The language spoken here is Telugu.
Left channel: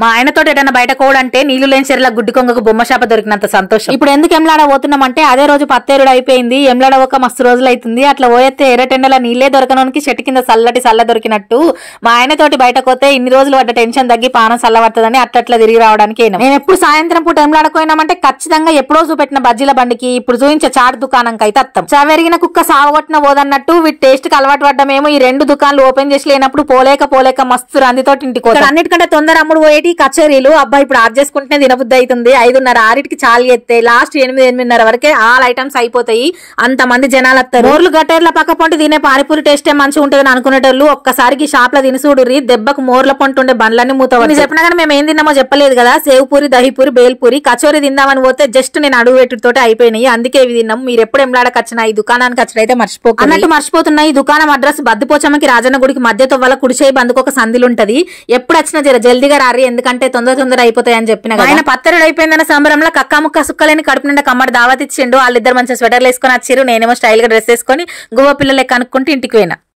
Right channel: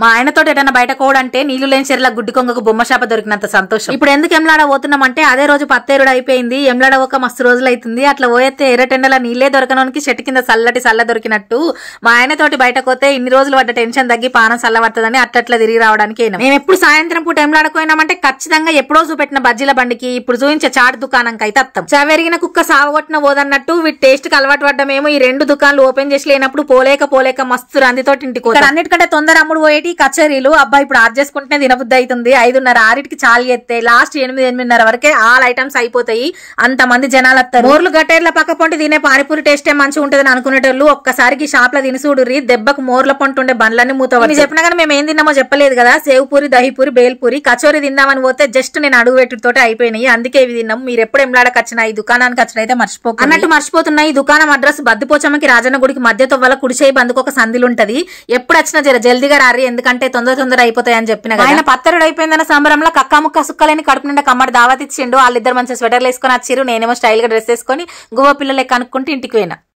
మా ఆయనతో ఏదైనా బయట కోడంటే నీళ్లు లేని చెరువుల గుడ్డి కొంగకు బొమ్మ షాప దొరికినంత సంతోషం. ఇప్పుడు ఎందుకు ఎమ్లాడ పోతున్నామంటే అదే రోజు పత్తేరుడు అయిపోయింది. ఎమ్లాడ ఒక మస్తు రోజులు అవుతుంది. అట్లా పోయేస్తే ఎర్రటెండల నీళ్లే దొరకనోనికి చెట్టు కింద చల్ల దొరికినట్టు మా ఆయనతోటి బయట పోతే ఇన్ని రోజులు పడ్డ టెన్షన్ తగ్గి పానం చల్లబడుతుందని అట్లా తిరిగి రావడానికి మేము ఎప్పుడు సాయంత్రం పూట ఎమ్లాడకపోయినామంటే ఖచ్చితంగా ఎప్పుడో చూపెట్టిన బజ్జీల బండికి ఇప్పుడు చూపించే చాట్ దుకాణంకి అయితే అత్తం. చావెరిగిన కుక్క సావగొట్టిన పోదన్నట్టు వీటి టేస్ట్ కి అలవాటు పడ్డమేమో ఈ రెండు దుకాణాలు ఓపెన్ చేసి లేనప్పుడు పోలేక మస్తు రందితోటి ఇంటికి పోతాం. అన్నిటికంటే తొందర అమ్ముడు పోయేటి కచేరీలు. అబ్బా ఇప్పుడు ఆర్డర్ చేసుకుంటే తినబుద్ధి అవుతుంది. 5:30 6కి చాలు ఎత్తే లాస్ట్ 8:30 వరకే ఆల్ ఐటమ్స్ అయిపోతాయి. అంత మంది జనాలు వస్తారు. ఊర్లు గట్టేర్ల పక్క పొంటి తినే పానిపూరి టేస్టే మంచిగా ఉంటదని అనుకునేటోళ్ళు ఒక్కసారికి షాప్ లో తినిసూడుర్రి. దెబ్బకు మోర్ల పొంటి ఉండే బండ్లన్నీ మూతవని చెప్పినా కానీ మేము ఏం తిన్నామో చెప్పలేదు కదా. సేవ్ పూరి, దహిపూరి, బేల్పూరి, కచోరీ తిందామని పోతే జస్ట్ నేను అడుగు పెట్టుతోటి అయిపోయినాయి. అందుకే ఇవి తిన్నాం. మీరు ఎప్పుడు ఎంలాడకి వచ్చినా ఈ దుకాణానికి వచ్చినైతే మర్చిపోతున్నాయి. ఈ దుకాణం అడ్రస్ బద్దుపోచమ్మకి రాజన్న గుడికి మధ్య తొవ్వల కుడిచేయి బందుకు ఒక సందులు ఉంటది. ఎప్పుడు వచ్చినా జల్దీగా రారి, ఎందుకంటే తొందర అయిపోతాయని చెప్పిన కదా. ఆయన పత్తరుడు అయిపోయిందన్న సంబరంలో కక్కా ముక్క సుక్కలేని కడుపు నిండా కమ్మడి దావత్ ఇచ్చిండు. వాళ్ళిద్దరు మంచిగా స్వెటర్లు వేసుకొని వచ్చిర్రు. నేనేమో స్టైల్ గా డ్రెస్ వేసుకొని గువ్వ పిల్లలే కనుక్కుంటూ ఇంటికి పోయినా.